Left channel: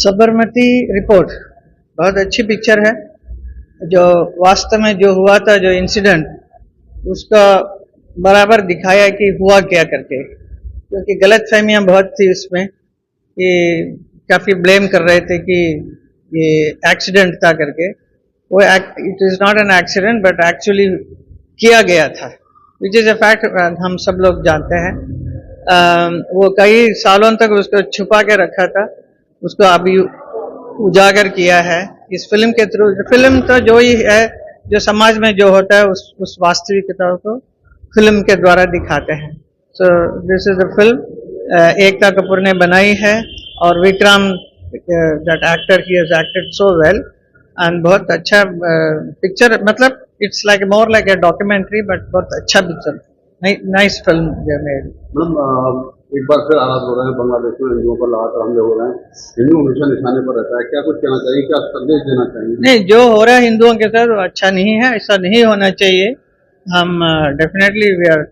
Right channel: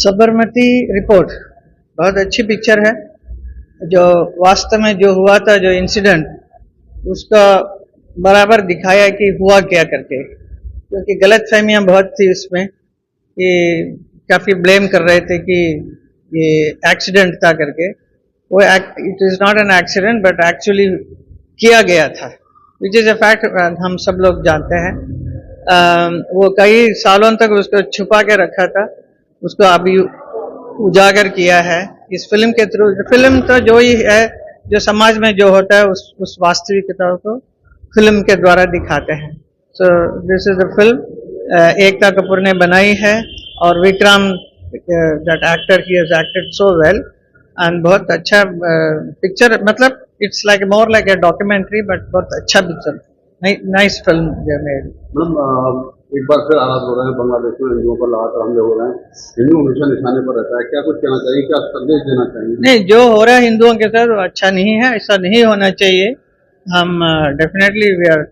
Sabarmati report बहुत अच्छी picture है। जो वास्तव में जो हुआ था, जो इंसिडेंट, उसका बराबर दिखाया कि हुआ क्या करके, क्योंकि गलतफहमियां बहुत थी उसमें कि काफी ब्लेम कर रहे थे कि ये एक्सीडेंट था करके। वो it is not an accident but actually किया गया था, विच इज अ फैक्ट, हम सब लोग जानते हैं। वो कई सालों तक उसको छुपा के रखा था, उसको अभी उजागर किया है इस फिल्म के थ्रू। फिल्म तो जो ही है, जो समाज में जो होता है उस वास्तविकता को फिल्म के द्वारा दिखाते हैं। So this is a film Ekta Kapoor ने बनाई है और Vikram that actor he has acted so well and बहुत अच्छा पिक्चर, मतलब it's like more like a documentary but बहुत अच्छा पिक्चर, नाइस फिल्म मेड। एक बार फिर हालात हो रहे हैं बांग्लादेश में, हिंदुओं पर लगातार हमले हो रहे हैं, हिंदू हमेशा निशाने पर रहता है, क्या कुछ कहना चाहिए, क्या संदेश देना चाहिए? नहीं, जो हो रहा है हिंदुओं के साथ वो अच्छा नहीं है, ऐसा नहीं होना चाहिए। हम definitely we are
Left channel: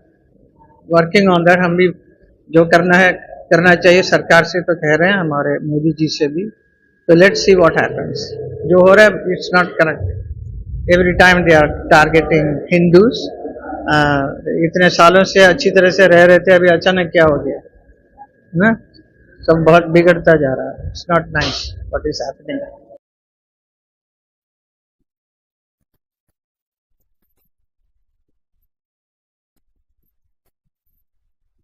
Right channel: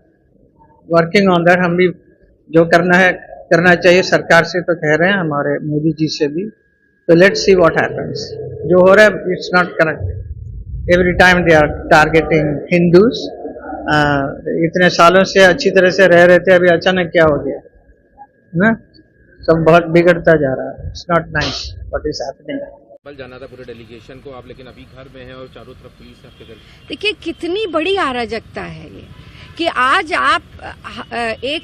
working on that. हम भी जो करना है करना चाहिए, सरकार से तो कह रहे हैं, हमारे मोदी जी से भी। तो लेट्स सी व्हाट हैपेंस। जो हो रहा है it's not correct. Every time they are targeting Hindus. इतने सालों से अच्छी तरह से रह रहे थे, अभी अचानक क्या हो गया ना, सब बहुत बिगड़ता जा रहा है। It's not nice what is happening. कल जाना था पूरे डेलीगेशन को आप, लेकिन अभी घर में हैं और चारों तरफ पुलिस है आपके घर। देखिए कितनी बड़ी अराजकता है ये कि आज आप एक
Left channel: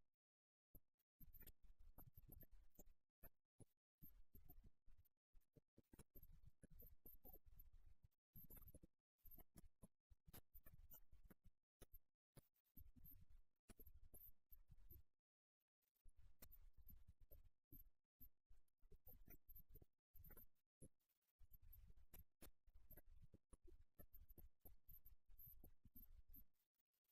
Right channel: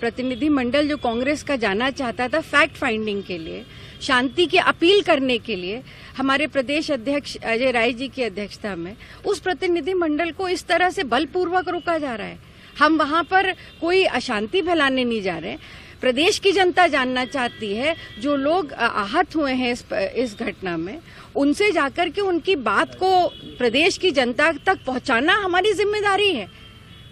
प्रतिनिधि मंडल जो कांग्रेस का जाना चाहता था फैक्ट फाइंडिंग के लिए, शांति की अपील करने के लिए, हमारे प्रदेश अध्यक्ष अजय राय जी की अध्यक्षता में, उस प्रतिनिधि मंडल को इस तरह से बलपूर्वक रोका जा रहा है। हम वहां पर कोई अशांति फैलाने नहीं जा रहे हैं। प्रदेश की जनता जानना चाहती है, जो लोग आहत हुए हैं इस घटना में, उनसे जाकर के उनकी बात को प्रदेश की जनता तक पहुंचाना हमारी जिम्मेदारी है।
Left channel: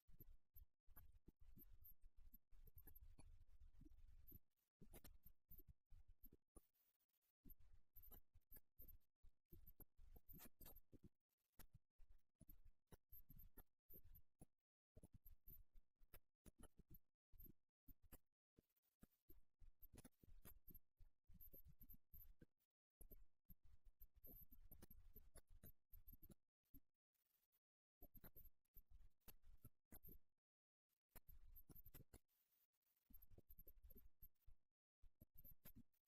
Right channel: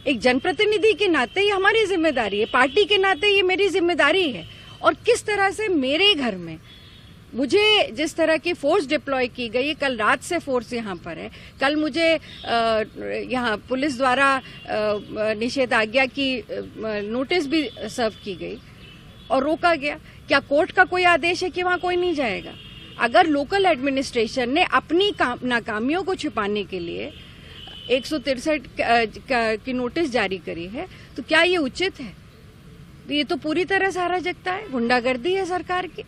एक जनप्रतिनिधि के नाते ये हमारी जिम्मेदारी है, पार्टी के नाते ये मेरी जिम्मेदारी है। और किस तरह से मेरे घर में मुझे जिस तरह की फोर्स डिप्लॉय की गई, कल रात से फोर्स यहाँ पर है, कल मुझे यहाँ पुलिस द्वारा निषेधाज्ञा की नोटिस भी सर्व की गई और रोका गया। क्या कोर्ट का कोई आदेश है कि वहाँ कोई नहीं जाएगा? अगर लोकल एडमिनिस्ट्रेशन ने अपनी नाकामियों को छुपाने के लिए 163 की नोटिस जारी करी है, तो क्या ये उचित है? ये तो पूरी तरह से अराजकता है, गुंडागर्दी है सरकार की।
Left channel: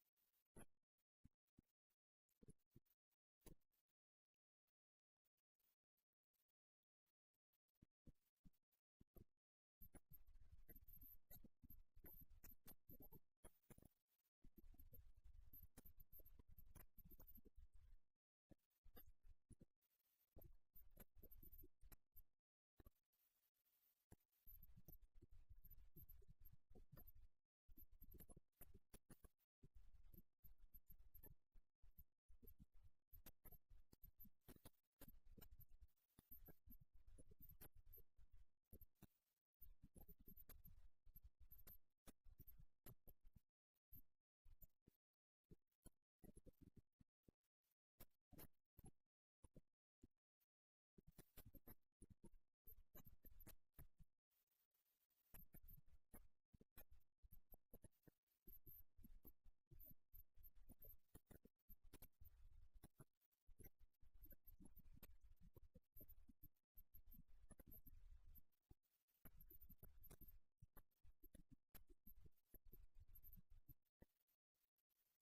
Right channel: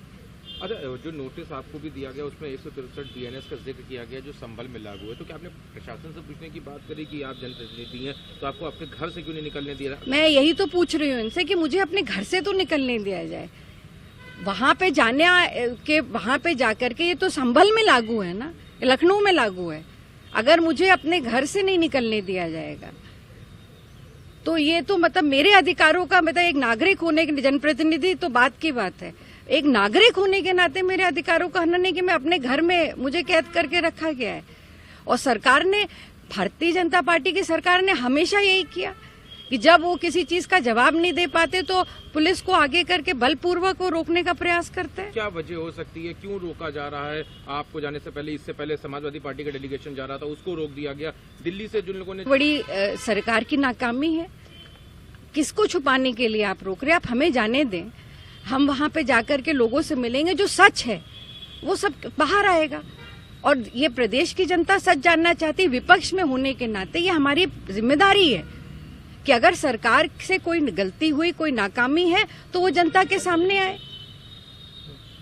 अच्छा, जो नोटिस आपको भी दिया गया उसमें 163 बीएनएस का जिक्र किया गया जो संभल में लागू है, तो क्या आपने प्रशासन से पूछने की बात करी कि आप जनप्रतिनिधि हैं तो आपको अपने घर से क्यों नहीं निकलने दिया? मैं यही तो पूछ रही हूँ इनसे कि मुझे अपने घर से तो निकलने दिया जाए। वहां पे जाने के, वहां पे जाकर के, ये तो संभल में लागू है ना, लखनऊ में लागू है। अगर मुझे अपने घर से नहीं निकलने दिया जाएगा तो ये तो मतलब मेरे अधिकारों का, मतलब एक नागरिक होने के, जनप्रतिनिधि तो बात की बात है, एक नागरिक होने के नाते मेरे अधिकारों का हनन है कि मैं अपने घर में, मुझे कैद करके रखा गया है। और सरकार ने, भारतीय जनता पार्टी की सरकार ने हमेशा यही किया कि जब वो किसी चीज का जवाब नहीं दे पाते तो पुलिस को आगे करके बलपूर्वक वो रोकने का प्रयास करते हैं। क्या वजह हो सकती है, क्यों रोका जा रहा है? आपको जाने से पहले, इससे पहले समाजवादी पार्टी का डेलीगेशन जा रहा था, उसको रोक दिया गया। दिल्ली से जिन लोगों ने, बड़ी सरकार की नाकामी है। किसको छुपाने के लिए आप रोक रहे हैं? आप हमें जाने दें, हम वहां पे जाकर के लोगों से मिलेंगे, जो सच है वो सब बाहर आएगा। और ये प्रदेश की जनता सच जानना चाहती है। विपक्ष में होने के नाते ये हमारी जिम्मेदारी है कि अगर सरकार से कोई गलती हुई, कोई नाकामी है, तो वो जनता के सामने आए।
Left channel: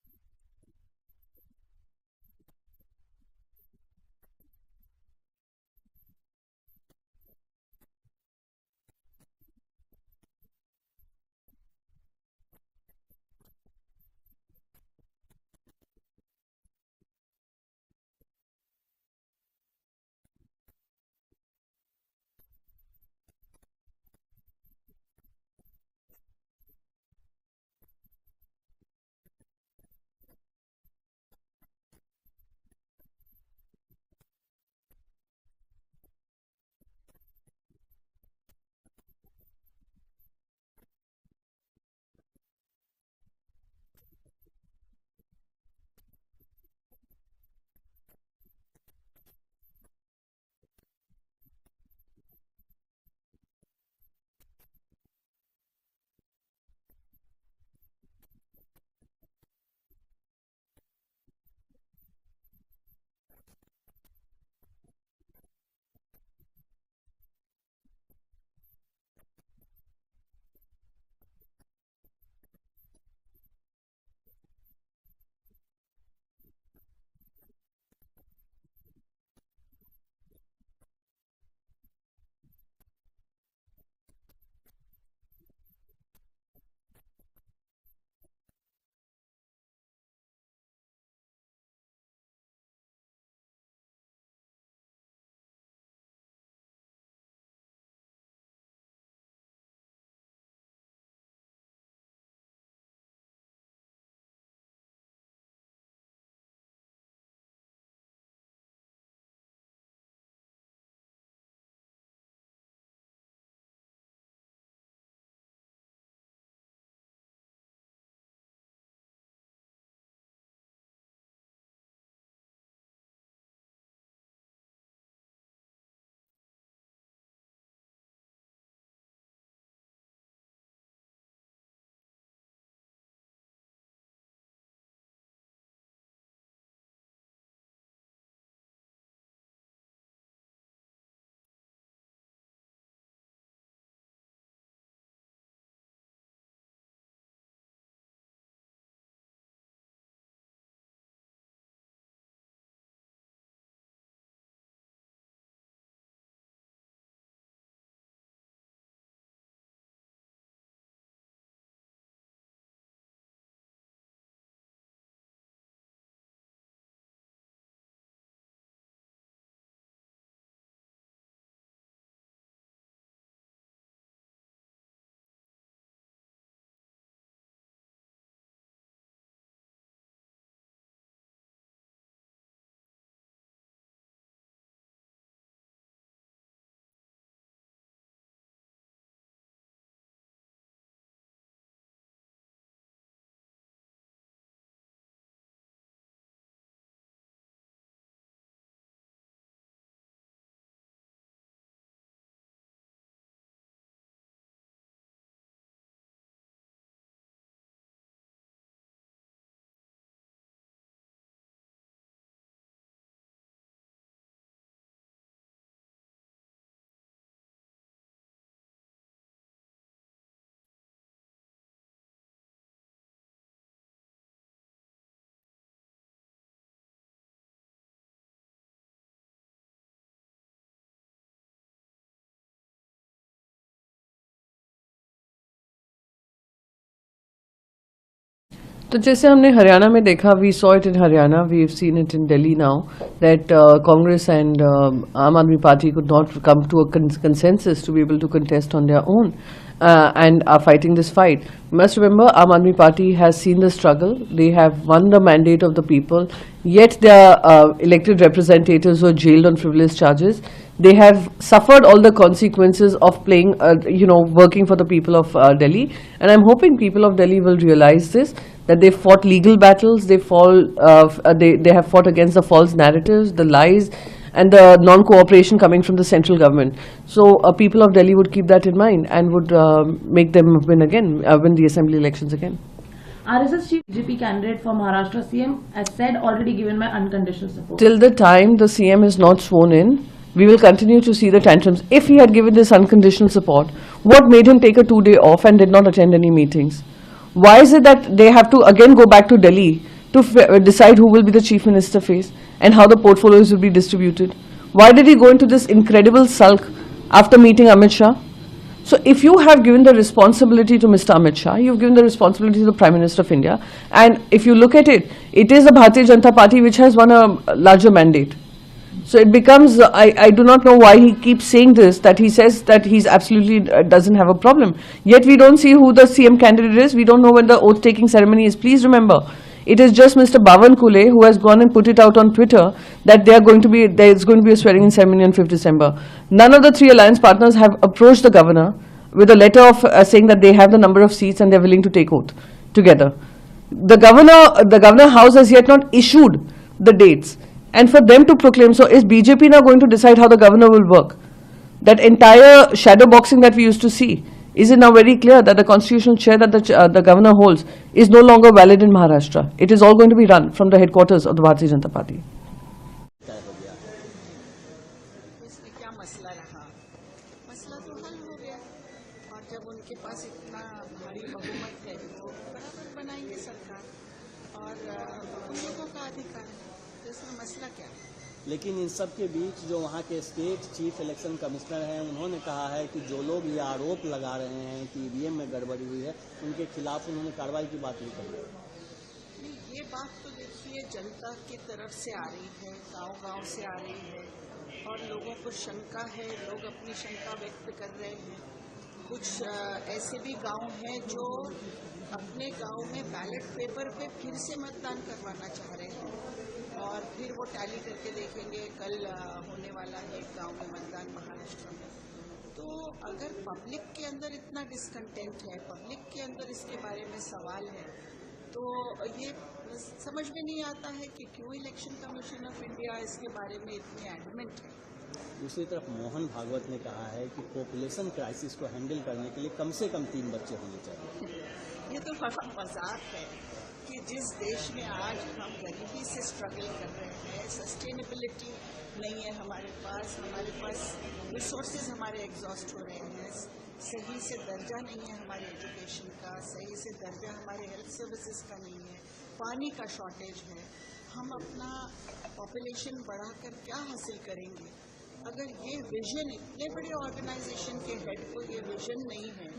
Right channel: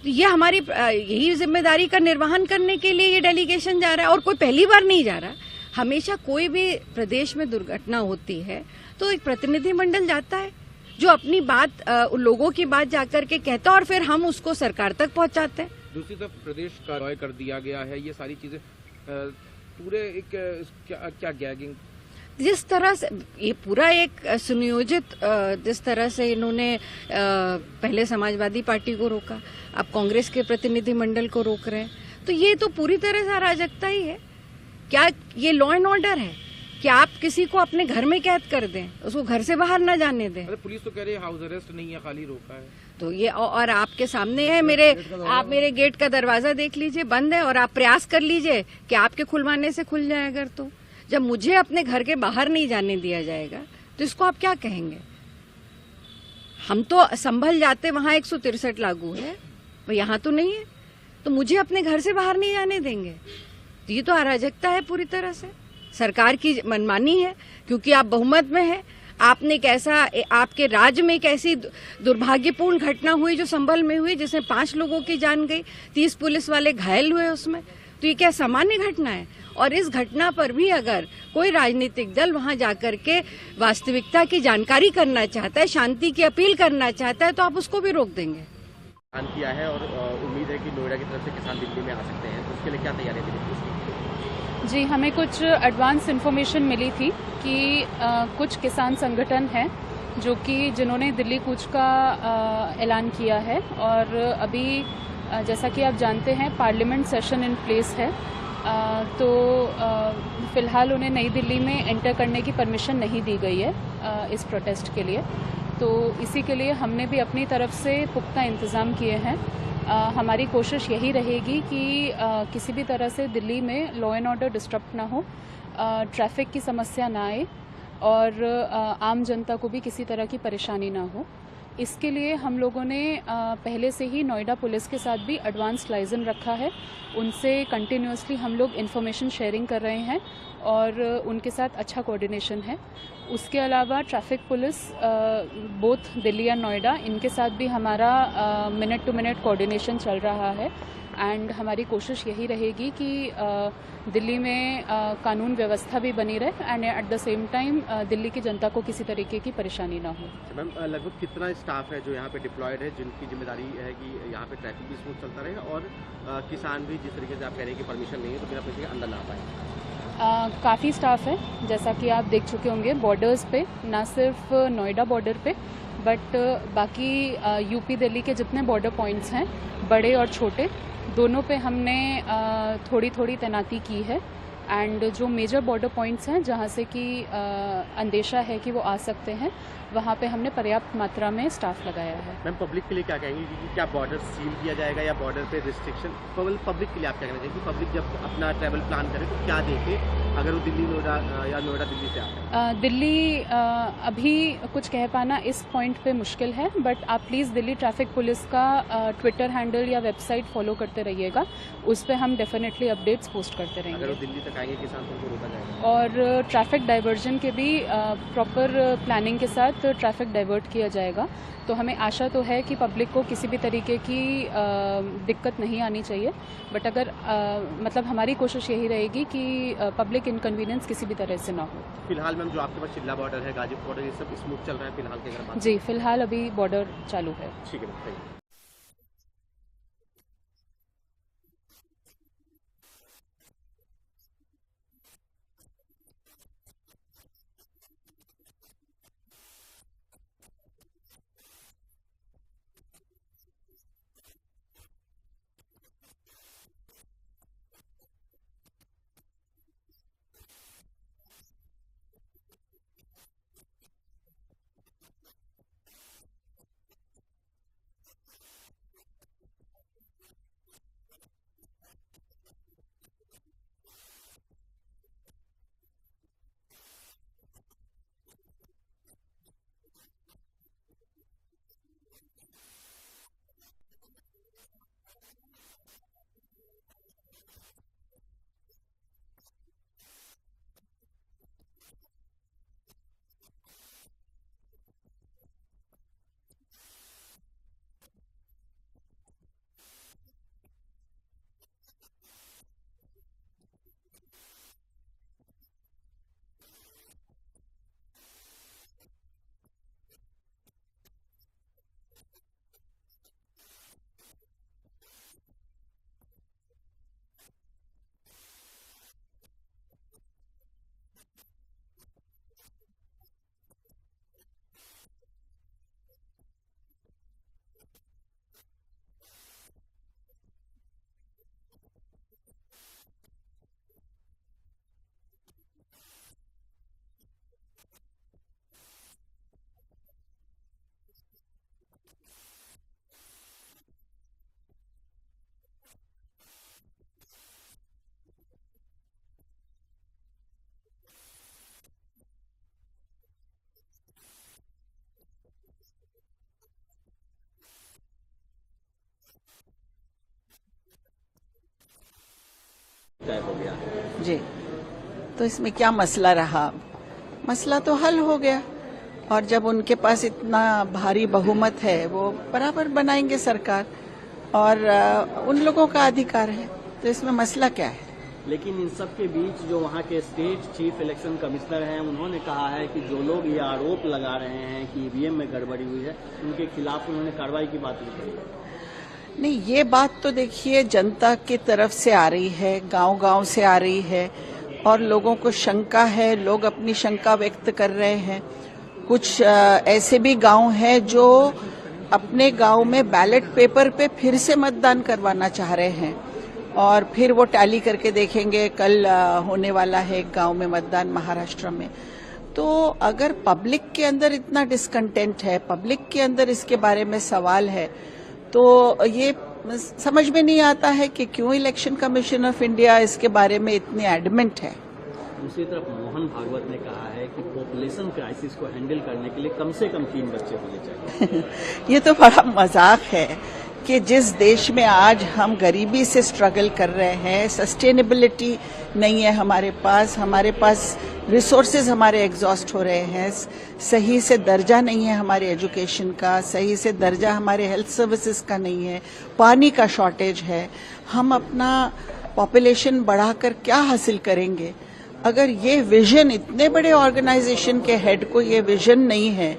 तो ये हमारी यही जिम्मेदारी का निर्वहन करने के लिए ये डेलीगेशन जा रहा है। और कोई पहली बार नहीं जा रहा, हमेशा कोई भी प्रदेश में दुर्घटना होती है तो एक प्रतिनिधि मंडल जाता है जो अपनी बात, लोगों की बात जाकर के कहता है और फिर हम उसको सरकार तक पहुंचाते हैं। दूसरी तरफ प्रदेश का रॉय कर दिया गया है, ये सारी चीजें पूरे एक क्या गैगिंग, जिस तरह से ये पूरा एक सुनियोजित, जिस तरह से इन्होंने पहले समाजवादी पार्टी को रोका, अब कांग्रेस के प्रतिनिधि मंडल को रोक रहे हैं, तो ये तो पूरी तरह से अराजकता ही है। क्या ये लॉ एंड ऑर्डर है कि आप किसी को अपने घर में कैद कर दें, उसको घर से बाहर न जाने दें? पुलिस तो कह रही है हाउस अरेस्ट नहीं है, खाली रोका है। तो ये और आपके सामने है, आप मेरे गेट का दरवाजा देख लीजिए, बंद है। और आप प्रयास कर लीजिए कि आपके खुलवाने से खुल जाए। अगर तो जब मुझे अपने घर के बाहर नहीं जाने दिया जाएगा तो इसको आप क्या कहेंगे? हम तो संभल जाते, वहां 163 लागू है, वो यहाँ तो नहीं है, तो मुझे अपने घर से बाहर नहीं जाने देंगे। तो ये तो अराजकता है पूरी तरह से, सरकार की मनमानी है, क्योंकि आप बहुमत में है। आपने कैसा, आपके राज्य में एक ऐसी दुर्भाग्यपूर्ण घटना हुई जो संभल में हुई, जिसमें 5 लोगों की जान गई, 30 पुलिस वाले घायल हुए उसमें। तो ये क्या सामान्य घटना है? और इस घटना पर भी अगर कोई राजनीतिक दल वहां जाकर के वास्तविकता की जानकारी करना चाहता है, शांति की अपील करना चाहता है, तो आप उसको भी रोक देंगे। किया है और उम्मीद है कि नोएडा की तरफ से किसान दिल्ली में आ सकते हैं, तो उसके लिए क्या तैयारी थी? जी, हमें कुछ एडवांस इन्फॉर्मेशन मिली थी कि कुछ किसान संगठन हैं जो कि जिन्होंने दिल्ली कूच का ऐलान किया है, और अभी जैसा कि आप जानते हैं पार्लियामेंट सेशन इन प्लेस है, तो फ़िलहाल उन्हें नई दिल्ली में एंटर करने की परमिशन नहीं दी गई है इस प्रोटेस्ट के लिए। तो इसी के लिए हमने भी अपनी तरफ से पुख्ता इंतज़ाम किए हैं। हमारी कोशिश यही रहेगी कि किसी भी तरह से दिल्ली में लॉ एंड ऑर्डर डिस्टर्ब ना हो, ट्रैफिक की समस्या ना आए, और आम जनता को भी किसी तरह की परेशानी ना हो। इसके लिए हम लोगों ने पहले से ही नोएडा पुलिस के साथ भी एडवांस लाइजन रखा है, उनसे कंटिन्यूसली हम लोग इन्फॉर्मेशन शेयरिंग कर रहे हैं और उनके साथ अच्छा कोऑर्डिनेशन है। उसके अलावा ट्रैफिक पुलिस बोथ दिल्ली या नोएडा, इनके साथ भी हमारा मिनट टू मिनट कोऑर्डिनेशन चल रहा है, एंड हमारी कोशिश यही रहेगी कि दिल्ली में कानून व्यवस्था भी बनी रहे, and at the same time Delhi की जनता को किसी तरीके की परेशानी ना हो। मैम, लगभग कितना स्टाफ है जो यहाँ पे डिप्लॉयड है, जिनकी जिम्मेदारी है कि यहाँ पे ट्रैफिक भी स्मूथ चलता रहे और किसान भी, जिस तरीके से आप कह रहे हैं कि परमिशन नहीं है तो बिना पैसे के अंदर ना आ पाए? काफ़ी स्टाफ है, जैसा कि आप देख चुके होंगे बॉर्डर्स पे, ना सिर्फ नोएडा बॉर्डर पे बट बाकी यूपी दिल्ली के जितने बॉर्डर पॉइंट्स हैं, बड़े और छोटे, दोनों पे हमने थोड़ी थोड़ी तैनाती की है, एंड जो मेजर बॉर्डर पॉइंट्स हैं जहाँ से कि अंदेशा है कि वो आ सकते हैं, वहाँ पे हमने पर्याप्त मात्रा में स्टाफ लगाया है। मैम, पब्लिक के लिए क्या कहेंगे कि क्या बॉर्डर सील किया जाएगा या बॉर्डर पे रिस्ट्रिक्शन? पब्लिक के लिए आप क्या कहना चाहिए कि पब्लिक जब अपना ट्रैवल प्लान करे तो क्या देखे अगर वो दिल्ली नोएडा या नोएडा दिल्ली से आता है? दिल्ली अभी कुछ कह पाना इस पॉइंट पे मुश्किल है, बट आप प्लीज़ दिल्ली ट्रैफिक पुलिस का ट्विटर हैंडल या वेबसाइट फॉलो करते रहिएगा, उस पर हम डेफिनेटली अपडेट्स पोस्ट करते रहेंगे। अगर वो दिल्ली तक आएंगे किसान तो उनको रोका जाएगा, और ट्रैफिक डाइवर्जन के भी प्रॉपर प्लानिंग के साथ ट्रैफिक डाइवर्ट किया जाएगा। तो हमें आशा तो है कि पब्लिक को किसी भी तरीके की दिक्कत नहीं आनी चाहिए, बट अगर मतलब हमारी कोशिश यही रहेगी कि पब्लिक इनकन्वीनियंस किसी भी तरह से ना हो। फिलहाल मैम जो आपके पास चिल्ला बॉर्डर है, गाजीपुर बॉर्डर, ये सब स्मूथ चल रहा है फिलहाल के अगर बात? जी, फिलहाल अभी बॉर्डर चालू है। ठीक है। तो जैसे हमने हरियाणा में देखा, we saw it in Haryana, we have seen it in Delhi now, that Congress and Aam Aadmi Party could not come to a consensus to be able to contest on their own and are fighting this fight. You must remember, Aam Aadmi Party has seen the struggle. They have won the mandate of the people, yet their elected representatives were jailed on frivolous charges. They have suffered all the consequences of playing, working for the people of Delhi. And I'm hoping people of Delhi will realize this, that they fought legal battles, they have fought against the false narratives, the lies, and the non-cooperation coming from the central government. So people of Delhi would keep that in mind and would make them win the assembly elections again. RSS chief BJP candidate for Maharashtra CM has said already given my unconditional support. Till the time the CM is not sworn in, we will continue to see the tantrums. If he had given this unconditional support, what made him take a 2-day off and did not attend any meetings? Why is it that they have to again go back to Delhi to decide who will be the chief minister face and how the portfolios will be distributed? Why did he go into this incredible sulk after meeting Amit Shah? So if you have given the responsibility to Mr. Amit Shah, you've given the responsibility to the Prime Minister of India, and if you look at it, it is the Bharatiya Janata Party which has won a larger mandate. So it becomes, I do not know why he keeps saying this, that he says that he's absolutely doesn't have a problem. Yet we don't see who the CM candidate is. We don't know when the oath-taking ceremony is. Please remember, it is just Mr. Bhavan Kule who has gone and put it out on Twitter that there is going to be a swearing-in ceremony on 5th December. None of the 3 alliance partners have approached the governor with a letter of saying that they have the number of seats and they're willing to take oath together. The governor house has yet not issued the dates. And for them to proclaim, so is BJP now going to decide how the governor will work? That entire shadow boxing that we used to see Is it now very clear that the constitutional chair that the governor holds is no longer valid in Maharashtra? It is all going to be run from the headquarters of the Bharatiya Janata Party. जी, तो इसमें क्या मसला रहा? मसला तो हल हो गया, और जब उनके पास इतना भारी बहुमत है वो बराबर बनाएंगे सरकार, और उन लोगों का अधिकार है, तो इसमें मसला क्या है? लेकिन इन सब के बीच जो वहाँ के स्टेट चीफ इलेक्शन कमिश्नर हैं, उन्होंने कहा है कि जो लोग ये आरोप लगा रहे हैं कि ईवीएम में गड़बड़ी हुई है, उनके खिलाफ उन्होंने कार्रवाई की बात की। नहीं, ये बात तो देखिए जनता की तरफ से आ रही है, गांव-गांव से आ रही है, और लोगों को शंका है, लोग अपनी शंका व्यक्त कर रहे हैं। कुछ ऐसे भी गांव हैं जो अपने गांव में बैलेट पेपर पे फिर से मतदान करवाना चाह रहे हैं, और फिर वो टैली करके देखेंगे। कल होने वाला है एक गांव में मतदान महाराष्ट्र में। तो अगर पब्लिक के अंदर इतना डिसकंटेंट है, पब्लिक के अंदर इसके बारे में सवाल है, तो ये समझ में नहीं आता है कि क्यों इलेक्शन कमीशन ऑफ इंडिया इसके बारे में इतनी एडमेंट है। दूसरी तरफ मोहन भागवत ने कहा है कि पॉपुलेशन क्राइसिस को हैंडल करने के लिए कम से कम 3 बच्चे होने चाहिए। ये तो बड़ा मजाक है कि जिस देश में आज हम गरीबी से स्ट्रगल कर रहे हैं, सस्टेनेबिलिटी नहीं है हमारे पास रिसोर्सेज हमारे एग्जॉस्ट हो रहे हैं, सही से दर्जा नहीं है हमारे एजुकेशन का, सही से दर्जा हमारे हेल्थ सर्विसेज का नहीं है, पानी का शॉर्टेज है। हम अपना पॉपुलेशन बढ़ाकर क्या हासिल करेंगे? अगर ये विजन, इतने बड़े ऑर्गेनाइजेशन के हेड को ये विजन नहीं है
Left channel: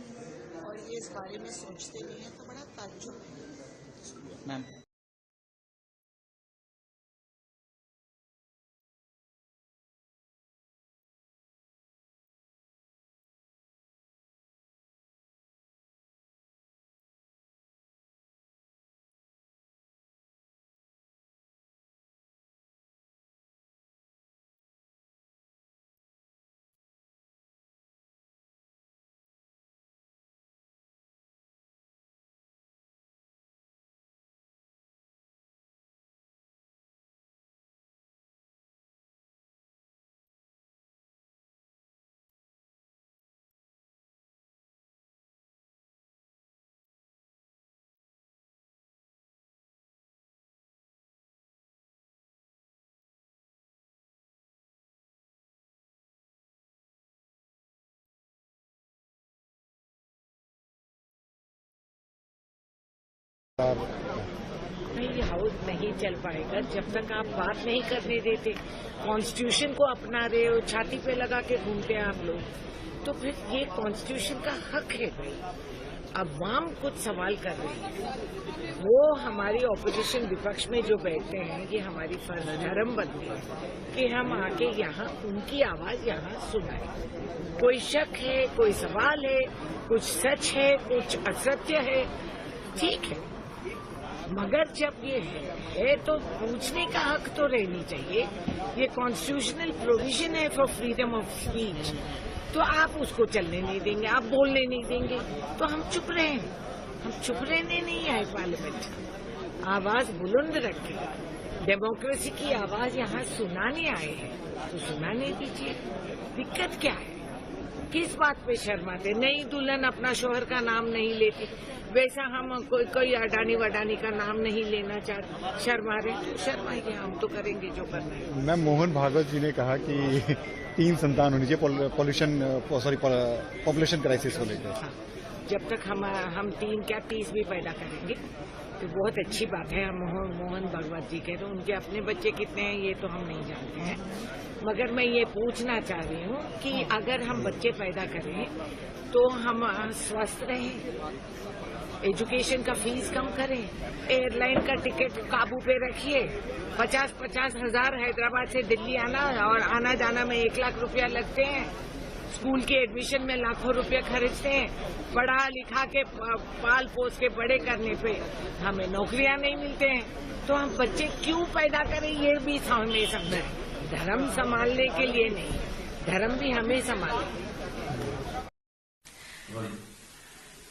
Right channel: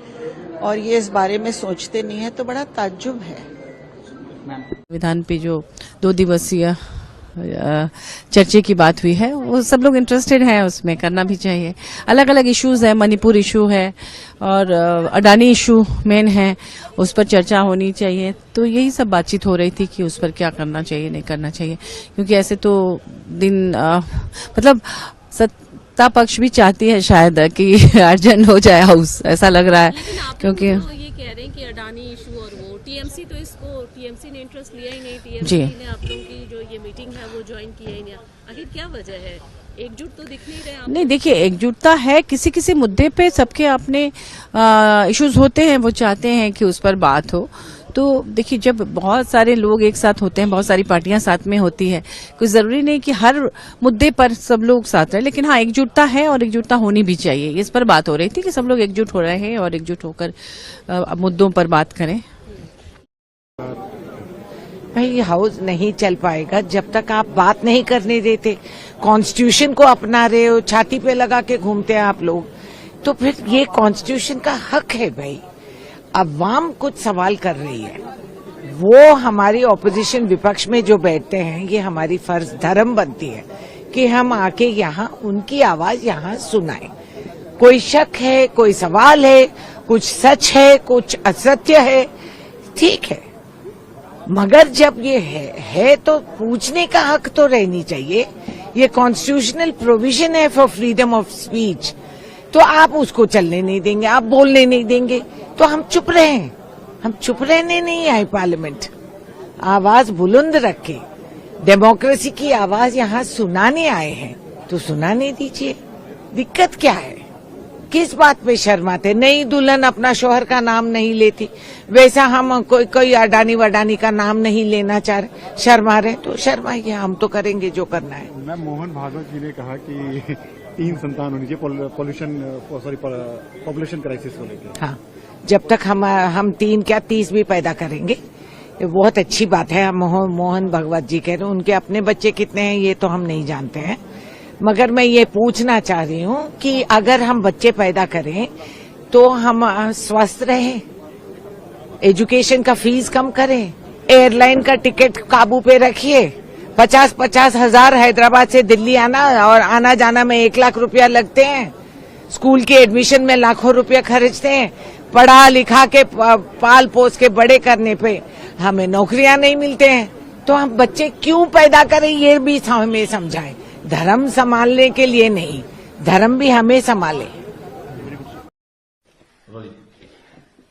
और ये इस बारे में सोचते नहीं है, तो बड़ा ताज्जुब है। संविधान पे जो 2 दिवसीय चर्चे की बात हुई है, वो सब लोग इंटरेस्टेड हैं, उसमें करना भी चाहिए। अलग अलग इश्यूज है, मणिपुर इशू है और अडानी इशू मेन है, उस पर चर्चा होनी चाहिए। तो यही सब बातचीत हो रही थी कि उस पर क्या करना चाहिए, नहीं करना चाहिए, क्योंकि ऐसे तो दिन मतलब सत्ता पक्ष भी चाहती है शायद कि अर्जेंट हो जाए हाउस, ऐसा लग रहा है, क्योंकि ये कह रहे हैं कि अडानी इशू और वो टीएमसी, तो इसको टीएमसी ने इंटरेस्ट लिया ही नहीं, टीएमसी ने आप लोगों की जो ये मीटिंग है वो ज्वाइन किया ही नहीं। आखिर क्या वजह है? एकजुट तो दिख नहीं रहे आप। नहीं, देखिए, एकजुटता है, किसी किसी मुद्दे पे सबके अपने इश्यूज होते हैं, वो चाहते हैं कि उस पर बात हो। तो देखिए, जब बहुत सारे लोग एक साथ होते हैं, बहुत सारी पार्टियां साथ में होती है, कोई जरूरी नहीं कि हर मुद्दे पर सब लोग साथ रहे, लेकिन हाँ, एकजुटता है और एकजुटता होनी भी चाहिए। इस पर बात हो रही थी कि सब लोग एकजुट हो रहे हैं और एकजुट होकर मुद्दों पर बात करें। भाई, हाउस नहीं चल पाएगा जब तक आप बात नहीं करने देते, कॉन्स्टिट्यूशन को अपना रहे हो, छाती पे लगा के घूमते हैं आप लोग। तो फिर ये कॉन्स्टिट्यूशन का हक है भाई। अवाम कुछ सवाल कर रही है, वो हमारी ऑपोजिशन विपक्ष में जो बैठते हैं, ये हमारी फर्ज धर्म बनती है कि हम आके यहाँ उनकी आवाज यहाँ सुनाएं। कोई शक है, कोई सवाल है, कुछ सच है, कुछ असत्य है, ठीक है, मगर जब ये है तो पूछने का हक तो रहनी चाहिए। ये कॉन्स्टिट्यूशनल प्रोविजन है फॉर फ्रीडम ऑफ स्पीच, तो आप उसको चलने नहीं देंगे, आप बोलने नहीं देंगे, तो हम चुप रहे। हम चुप रहने नहीं आए पार्लियामेंट, आवाज बुलंद रखे, डेमोक्रेसी की आवाज यहाँ सुनाने आए हैं, तो सुनाने दीजिए। दिक्कत क्या है? किस बात पे शर्माते? नई दुल्हन अपना शौहर का नाम नहीं लेती, वैसा हम कोई अडानी वडानी का नाम नहीं लेना चाह रहे, शर्मा रहे, तो शर्माइए, हम तो करेंगे जो करना है। मैम, मोहन भागवत जी ने कहा कि 3 संतान होनी चाहिए पॉपुलेशन क्राइसिस को लेकर। हाँ, जब तक हम 3 क्या 30 भी पैदा करेंगे, ये बहुत अच्छी बात है। मोहन भागवत जी कह रहे हैं, उनके अपने बच्चे कितने हैं ये तो हम नहीं जानते हैं, मगर मैं ये पूछना चाह रही हूँ कि अगर हम बच्चे पैदा करें तो हम स्वस्थ रहें, एजुकेशन का फीस कम करें, एयरलाइन का टिकट काबू पे रखिए। 50-50 हजार हैदराबाद से दिल्ली आना और आना जाना में 1 लाख रुपया लगते हैं, स्कूल के एडमिशन में लाखों रुपया खर्चते हैं, पढ़ा लिखा के पाल पोस के बड़े करने पे हमें नौकरियां नहीं मिलते हैं, तो हम बच्चे क्यों पैदा करें ये भी हमें समझाएं। धर्म संभालने के लिए नहीं, धर्म भी हमें संभाले।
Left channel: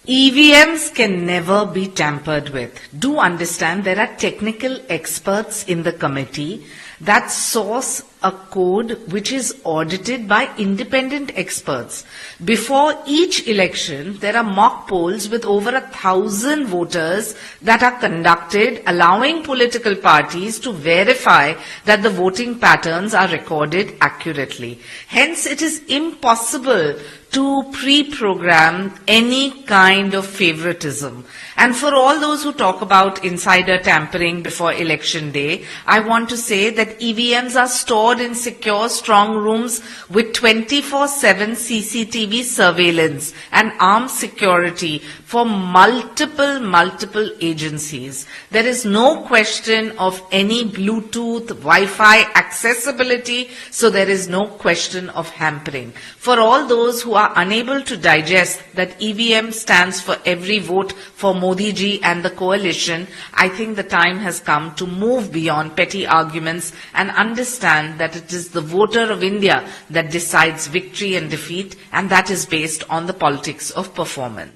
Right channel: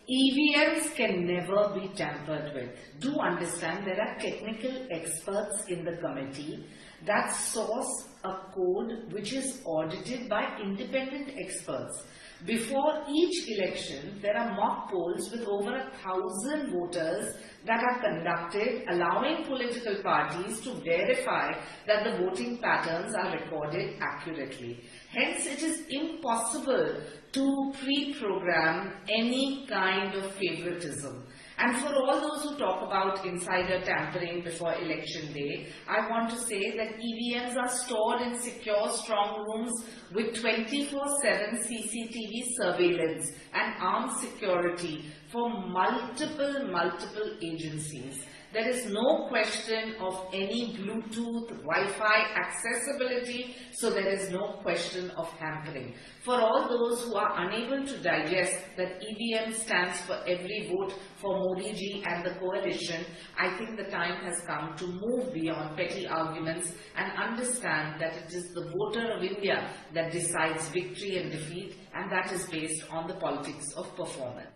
EVMs can never be tampered with. Do understand there are technical experts in the committee that source a code which is audited by independent experts. Before each election, there are mock polls with over 1,000 voters that are conducted, allowing political parties to verify that the voting patterns are recorded accurately. Hence, it is impossible to pre-program any kind of favoritism. And for all those who talk about insider tampering before election day, I want to say that EVMs are stored in secure strong rooms with 24/7 CCTV surveillance and armed security for multiple agencies. There is no question of any Bluetooth, Wi-Fi accessibility, so there is no question of hampering. For all those who are unable to digest that EVM stands for every vote for Modi ji and the coalition, I think the time has come to move beyond petty arguments and understand that it is the voter of India that decides victory and defeat, and that is based on the politics of performance.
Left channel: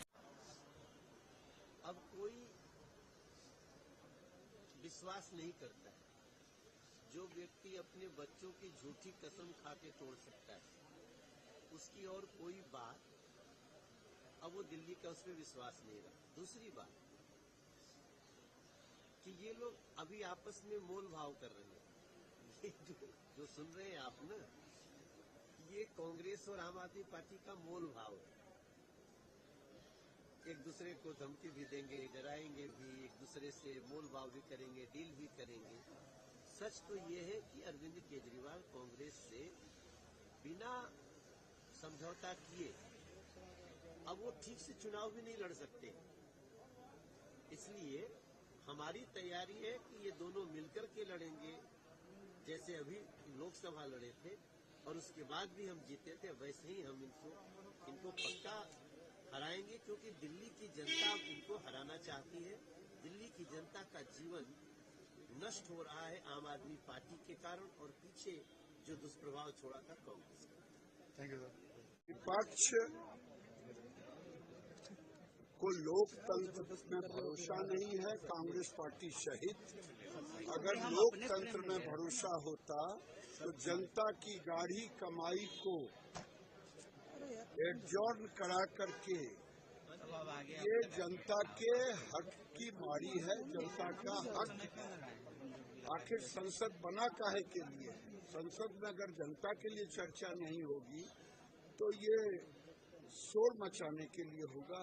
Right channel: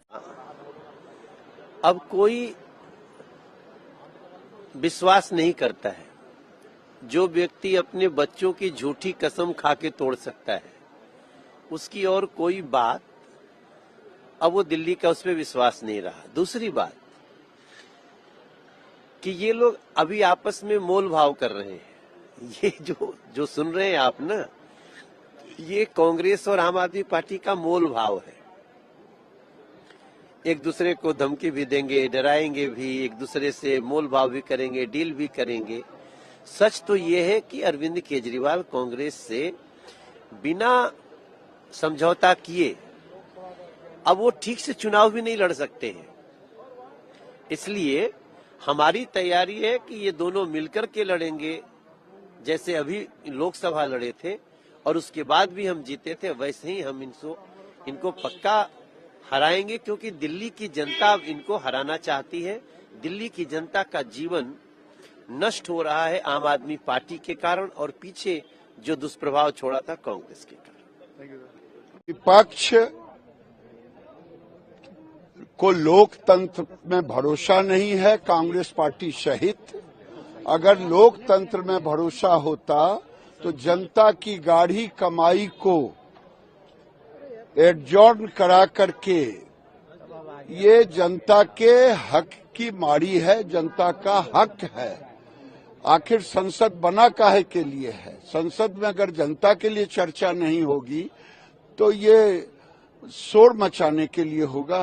अब कोई विश्वास नहीं करता है। जो व्यक्ति अपने बच्चों की झूठी कसम खा के तोड़ सकता है, उसकी और कोई बात, अब वो दिल्ली का उस पर विश्वास नहीं रहा। दूसरी बात कि ये लोग अभी आपस में मोल भाव कर रहे हैं। ये जो सुन रहे हैं आप ना, ये कांग्रेस और आम आदमी पार्टी का मोल भाव है। एक दूसरे को धमकी भी देंगे, डराएंगे भी, एक दूसरे से मोल भाव भी करेंगे, डील भी करेंगे। सच तो ये है कि अरविंद केजरीवाल कांग्रेस से बिना समझौता किए अब वो ठीक से चुनाव भी नहीं लड़ सकते हैं। इसलिए हमारी तैयारी है कि ये दोनों मिलकर के लड़ेंगे, जैसे अभी लोकसभा लड़े थे और उसके बाद भी हम जीते थे, वैसे ही हम इनको पक्का हराएंगे, क्योंकि दिल्ली की जनता इनको हराना चाहती है। दिल्ली की जनता का जीवन नष्ट हो रहा है आम आदमी पार्टी के कारण, और पीछे जो दुष्प्रभाव छोड़ा था कांग्रेस के कारण। विपक्ष को लोकतंत्र में भरोसा नहीं है, कांग्रेस पार्टी सहित। अगर लोकतंत्र में भरोसा होता तो जनता की गाढ़ी कमाई को एडजॉर्न करा करके, ये जनता के हक की मारी है, जनता का हक है। आखिर संसद बना काहे के लिए है? संसद में अगर जनता के लिए चर्चा नहीं होगी तो ये शोर मचाने के लिए होगा।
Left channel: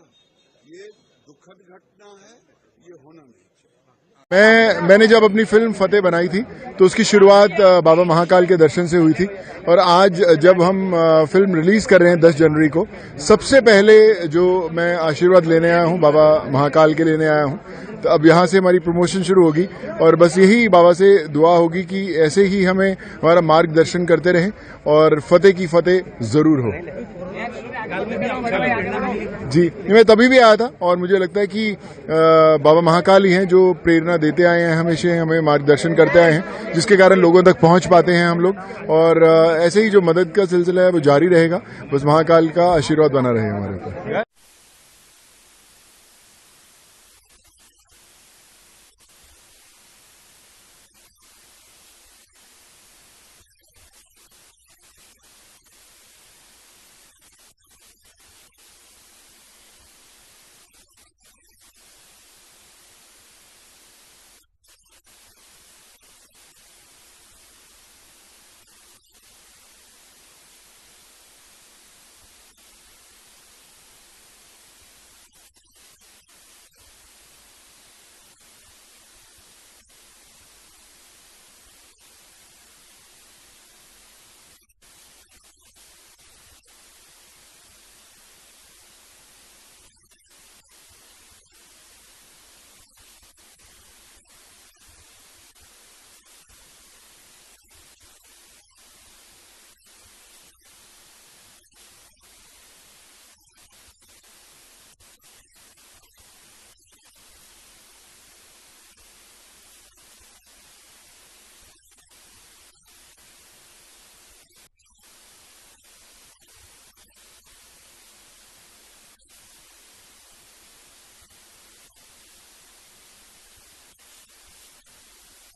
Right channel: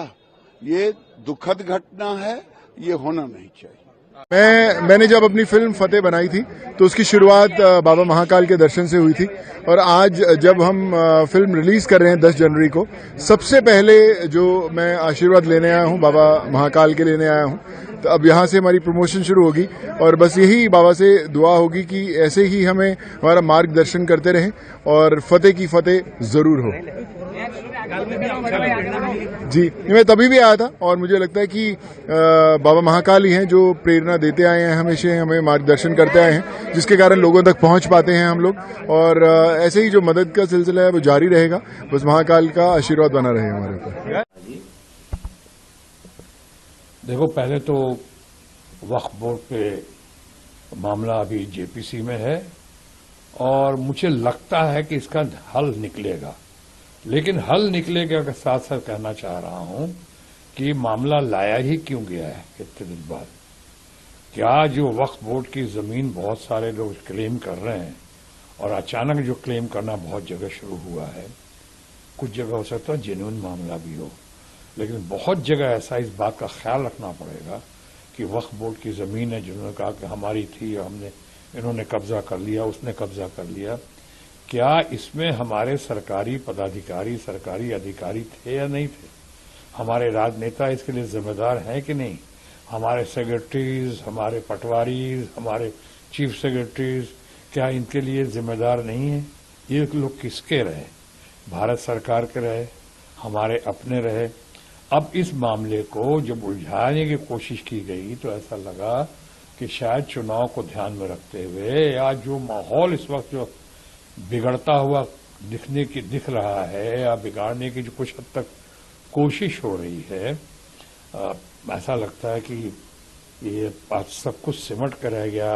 ये दुखद घटना है, ये होना नहीं चाहिए। मैंने जब अपनी फिल्म फतेह बनाई थी तो उसकी शुरुआत बाबा महाकाल के दर्शन से हुई थी, और आज जब हम फिल्म रिलीज कर रहे हैं 10 जनवरी को, सबसे पहले जो मैं आशीर्वाद लेने आया हूं बाबा महाकाल के लेने आया हूं। तो अब यहां से हमारी प्रमोशन शुरू होगी, और बस यही बाबा से दुआ होगी कि ऐसे ही हमें हमारा मार्गदर्शन करते रहें और फतेह की फतेह जरूर हो। जी, मैं तभी भी आया था, और मुझे लगता है कि बाबा महाकाल ही हैं जो प्रेरणा देते आए हैं, हमेशा हमें मार्गदर्शन करते आए हैं, जिसके कारण लोगों तक पहुंच पाते हैं हम लोग। और ऐसे ही जो मदद का सिलसिला है वो जारी रहेगा। बस महाकाल का आशीर्वाद बना रहे हमारे ऊपर। देखो, पहले तो वक्फ बोर्ड पे मामला अभी जेपीसी में है, और मुझे लगता है कि इसका हल निकलेगा। लेकिन हल निकलेगा के साथ साथ कहना चाह रहा हूं कि मामला लाया ही क्यों गया है इतने दिन बाद। क्या जो वक्फ बोर्ड की जमीन बहुत सारे लोग क्लेम कर रहे हैं, और अचानक जो क्लेम करना बहुत जगह शुरू हुआ है, कुछ जगह हो सकता है जेन्युइन मामला भी हो, लेकिन बहुत जगह ऐसा इस बात का ख्याल रखना पड़ेगा कि वक्फ बोर्ड की जमीन है, जिन्होंने कहा कि हमारी थी, इन्होंने कब्जा कर लिया, उसने कब्जा कर लिया। क्या इसमें हमारे सरकारी पदाधिकारी, सरकारी अधिकारी थे या नहीं थे? हमारे राजनेता इसके लिए जिम्मेदार हैं कि नहीं? हमारे सेक्रेटरीज, हमारे पटवारीज, हमारे चीफ सेक्रेटरीज, क्या इनके लिए जिम्मेदार नहीं है? ये लोग किसके रहे? भारत सरकार के रहे, हमारे अपने रहे। अब इस मामले को जब उलझाने की कोशिश की गई तो ऐसा लगा कि शायद चुनाव को ध्यान में रखते हुए, या जो माहौल इस वक्त जो बिगड़ता हुआ दिख रहा है, या बिगाड़ने की जो कुछ हद तक कोशिश हो रही है, ऐसा लगता है कि ये सब कुछ सिमट कर रह गया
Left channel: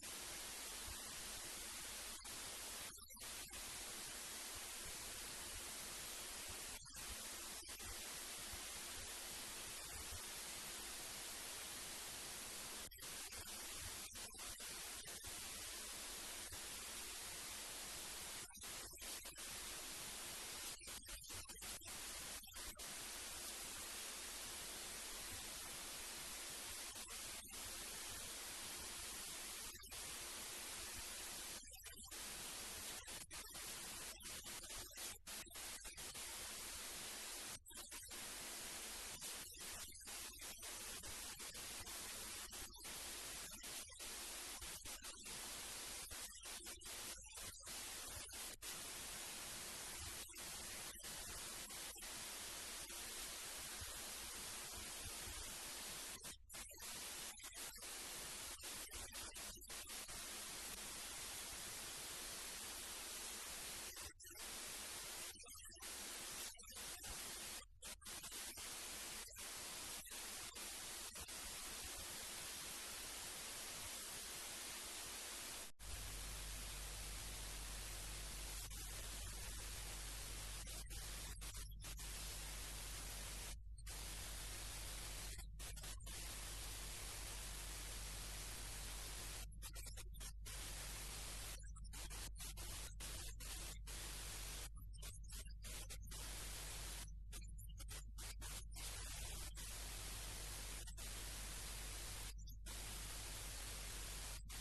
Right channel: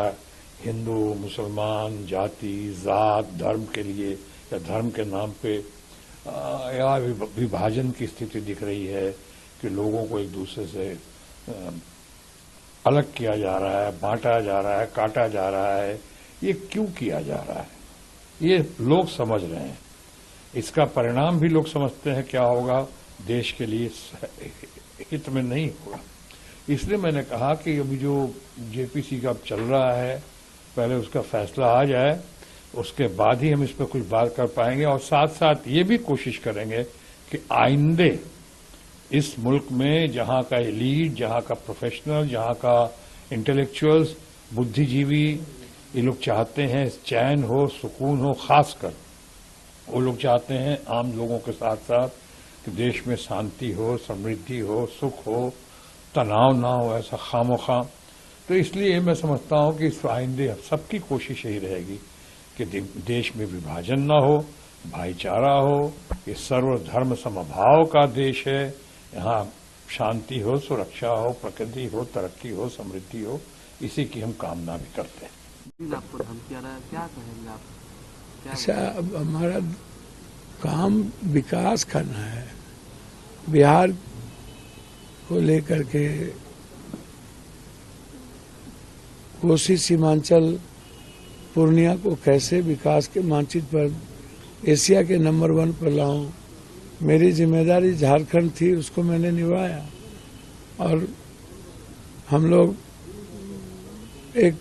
हिंदू मुसलमान जाति जात धर्म के लिए या धर्म के नाम पे या विभाजन की स्थिति दिख रही है कि लोगों को एक दूसरे से अलग किया जा रहा है, बांटा जा रहा है, काटा जा रहा है। ये क्यों किया जा रहा है, ये लोग समझ रहे हैं। इसका परिणाम भी लोग समझते हैं क्या होगा, देश के लिए हित में नहीं होगा। इसलिए मैंने कहा कि अभी जो जेपीसी का चल रहा है, पहले उसका फैसला आ जाए, उसके बाद ही हम इस पर कुछ बात कर पाएंगे। और साथ साथ ये भी कोशिश करेंगे कि आइंदे इस मुल्क में जहाँ का एलीट, जहाँ का प्रोफेशनल, जहाँ का इंटेलेक्चुअल्स, बुद्धिजीवी, ये लोग चाहते हैं चैन हो, सुकून हो। खासकर वो लोग चाहते हैं आम लोगों के साथ साथ कि देश में शांति हो, समृद्धि हो, सुख हो, तनाव ना हो ऐसा खामोखा। तो इसलिए मैं समझता हूँ कि इस आइंदे सबकी कोशिश यही रहेगी कि देश में विभाजन ना हो, भाईचारा हो, ये सर्वधर्म समभाव का देश है। यहाँ शांति हो, सुरक्षा हो, प्रकृति हो, तरक्की हो, समृद्धि हो, इसी की हम कामना भी करते हैं। आपको धमकी आ रहा है, क्या कहेंगे आप? अच्छा, अब हमारा काम विकास करना है। बिहार को लेकर के कोसी सीमांचल पूर्णिया को कैसे विकास के मानचित्र पर एशिया के नंबर 1 पर लाऊं, मेरी जिम्मेदारी झारखंड थी, उसको मैंने निभाया। और हम लोग एक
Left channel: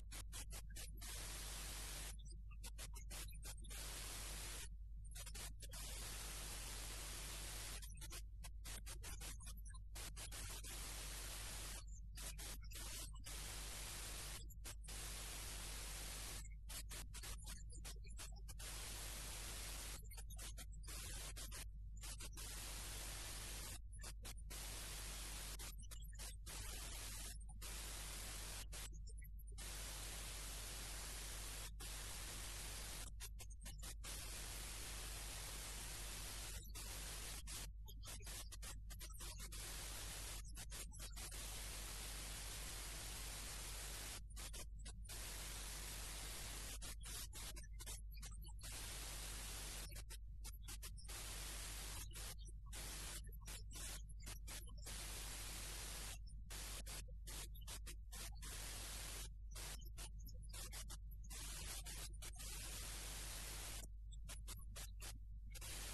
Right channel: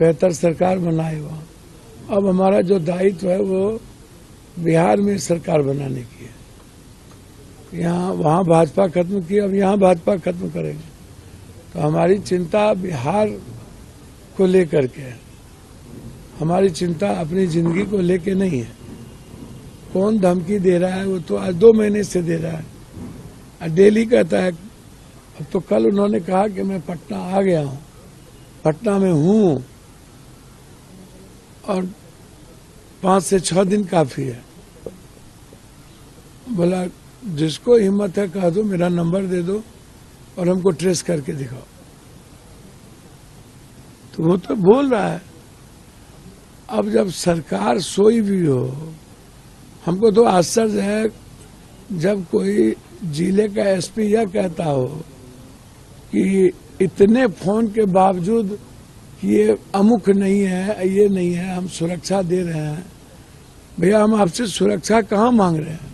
बेहतर सरकार बनाए वहाँ। अब हमारा जो दायित्व है वो बिहार में सरकार बनाने की है। यहाँ वहाँ भाजपा खत्म की, अब यहाँ भाजपा खत्म करेंगे। तो हमारी चिंता बिहार को लेकर के है, हमारी चिंता अपनी जिंदगी को लेके नहीं है। कौन धमकी दे रहा है वो तो आज 2 महीने से दे रहा है। डेली कहता है। अब तो कल उन्होंने कहा कि मैं पटना आ गया हूँ, पटना में हूँ, और 5 से 6 दिन काफी है। बोला जिसको हिम्मत है कह दो, मेरा नंबर दे दो और हमको ट्रेस करके दिखाओ। तो वो तो बोल रहा है। अब जब सरकार सोई भी हो, हमको तो आश्चर्य है जब कोई जिले का एसपी यह कहता हो कि इतने फोन के बावजूद कि ये अमुक नहीं है, ये नहीं है, हम सुरक्षा दे रहे हैं। भैया हम आपसे सुरक्षा कहाँ मांग रहे हैं?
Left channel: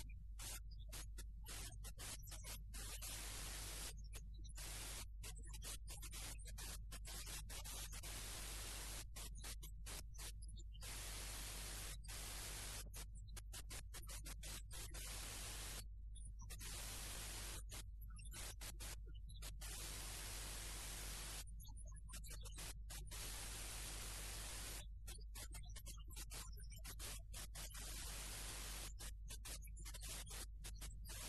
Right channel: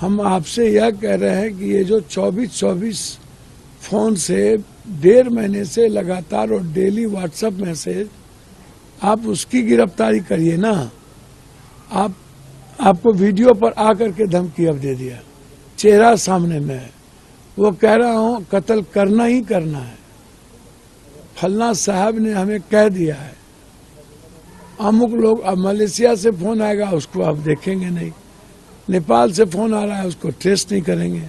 हम आपसे यह कह रहे हैं कि ये जो 24 फोन से 1.5 महीने से लगातार और डेली व्हाट्सएप मैसेज, आप उसकी गिरफ्तारी करिए ना। आपको वीडियो पर आकर के धमकी अब दे दिया, चेहरा सामने में है। वो कह रहा हूँ कत्ल करना ही करना है। फलना साहब ने हमें कह दिया है। अमुक लोग, अब मलेशिया से फोन आएगा उसको आप देखेंगे नहीं, नेपाल से फोन आ रहा है उसको ट्रेस नहीं करेंगे।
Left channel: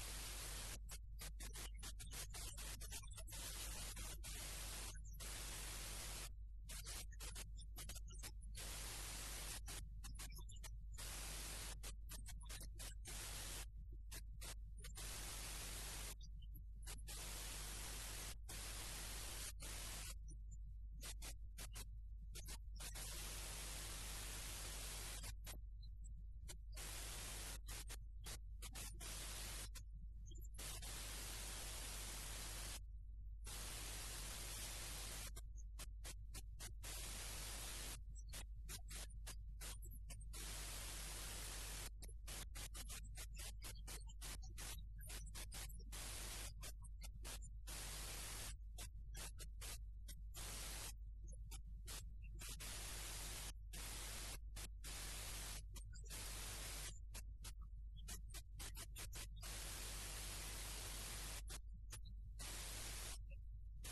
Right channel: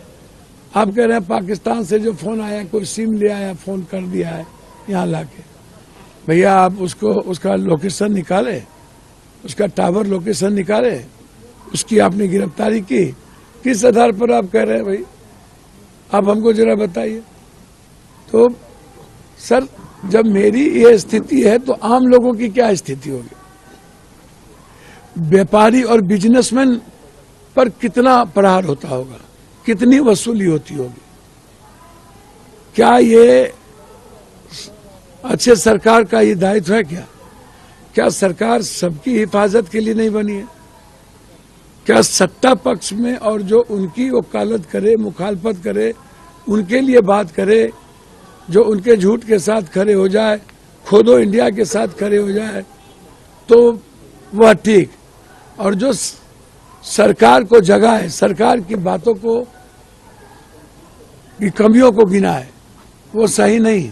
आप कह रहे हैं पाकिस्तान से जो फोन आया, कोई सिम ले आया, फोन कर दिया है यहाँ लाके। भैया आप उसको, उसका लोकेशन निकाले, उसका टावर लोकेशन निकाले, उसकी आपने गिरफ्तारी की, किस आधार पर आप कह रहे हैं? भाई आप हमको जरा बताइए। तो सर जब मेरी ये स्थिति है तो आम लोगों की क्या स्थिति होगी? व्यापारी और बिजनेसमैन पर कितना प्रहार होता होगा, कितनी वसूली होती होगी? क्या ये अच्छे सरकार का ये दायित्व है? क्या सरकार सबकी हिफाजत के लिए नहीं बनी है? क्या सत्ता पक्ष में और जो उनकी वकालत करे, मुखालफत करे, उनके लिए बात करे, जो उनके झूठ के साथ खड़े हो जाए, खोदो इंडिया के साथ खड़े हो जाए, तो वह ठीक। और जो सरकार को जगाए, सरकार की बातों को, की कमियों को गिनाए, वो सही नहीं।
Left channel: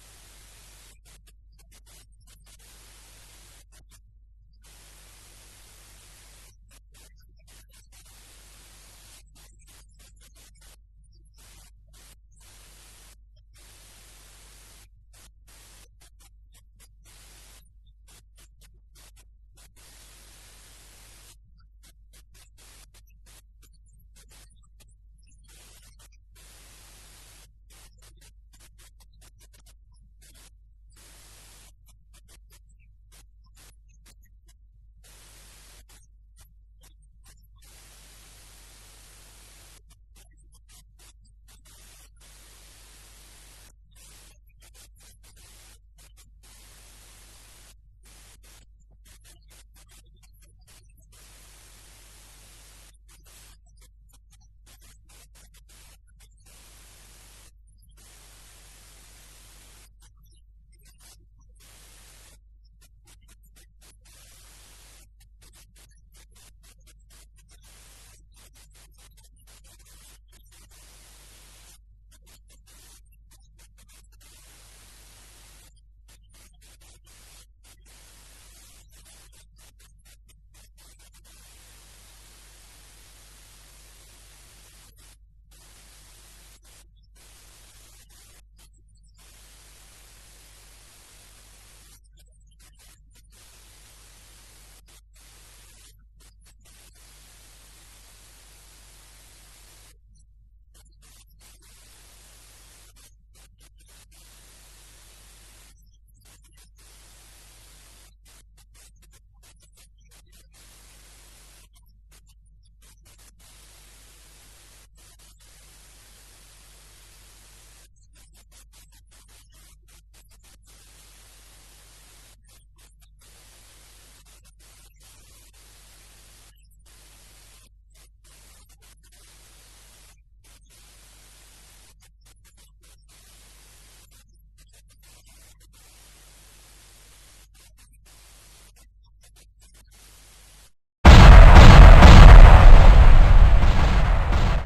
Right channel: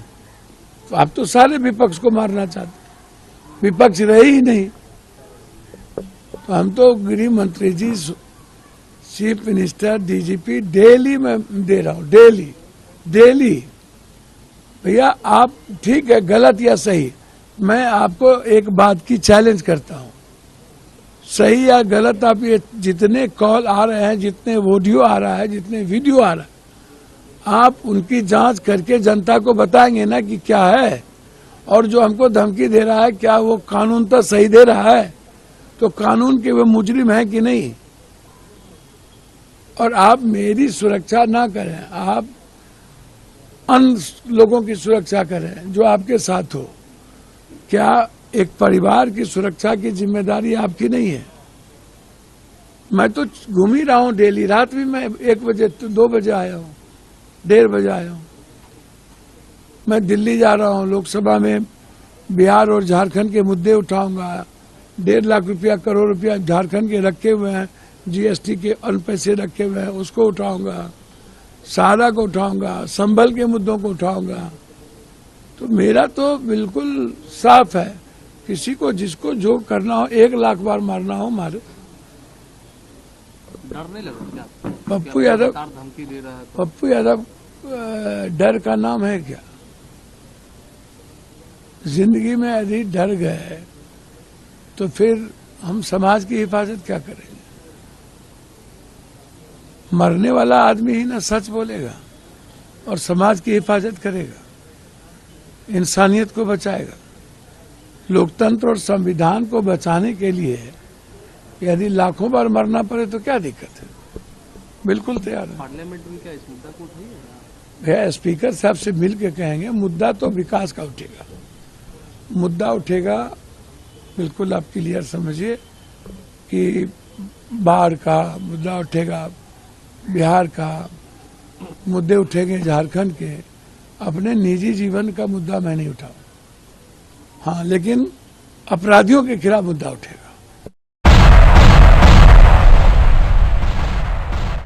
तो आप तो सारे विपक्ष को मारना चाहते, विपक्ष रहे ही नहीं। तो हम तो गृह मंत्री जी, चीफ मिनिस्टर, डीजीपी डेली मैं दे रहा हूँ, डेली। भैया आप ठीक है, गलत या सही, मैं आपको एक बात की चैलेंज करता हूँ, सही या गलत आप ये जितने कॉल आ रहे हैं, जितने ऑडियो आ रहा है, जितने वीडियो आ रहा है, आप उनकी जांच करके जनता को बताएंगे ना कि क्या है। और जो हमको धमकी दे रहा है, क्या वो कानून तो सही दे रहा है? तो कानून के वो मुजरिम है कि नहीं? और आप मेरी सुरक्षा ना करें, आप अन्य लोगों की सुरक्षा करें जो आपके साथ हो। क्या एक परिवार की सुरक्षा की जिम्मेदारी आपकी नहीं है? मैं तो घूम ही रहा हूँ डेली, रात भी मैं 1 बजे 2 बजे आया हूँ, 1:30 बजे आया हूँ। मैं दिल्ली जा रहा हूँ, लोकसभा में बिहार और झारखंड के मुद्दे उठाऊंगा। 1.5 लाख रुपया, करोड़ रुपया झारखंड के रखे हुए हैं, जीएसटी के अन्य पैसे रखे हुए हैं, उसको उठाऊंगा, सहारा को उठाऊंगा, संभल के मुद्दों को उठाऊंगा। तो मेरा तो बिल्कुल साफ है, किसी को जिसको जो करना हो, 1 लाख बार मारना हो मारे। डर नहीं लगा क्या? पप्पू यादव, धमकी दे रहा है पप्पू यादव डर का नाम है क्या? जिंदगी में यदि डर गए तो फिर हम समाज की हिफाजत क्या करेंगे? मरने वाला आदमी ही ना सच बोलेगा और समाज की हिफाजत करेगा, इंसानियत को बचाएगा। लोकतंत्र और संविधान को बचाने के लिए यदि लाखों बार मरना पड़े तो क्या दिक्कत है? बिल्कुल तैयार है। पार्लियामेंट में क्या इस मुद्दा को उठाइए? भैया स्पीकर साहब से मिल के कहेंगे, मुद्दा तो विकास का उठेगा, मुद्दा उठेगा। बिल्कुल आप क्लियर समझिए कि बाढ़ का मुद्दा उठेगा, बिहार का मुद्दे उठेंगे, झारखंड के। अपने निजी जीवन का मुद्दा मैं नहीं उठाऊं, हाँ, लेकिन अपराधियों के खिलाफ मुद्दा उठेगा।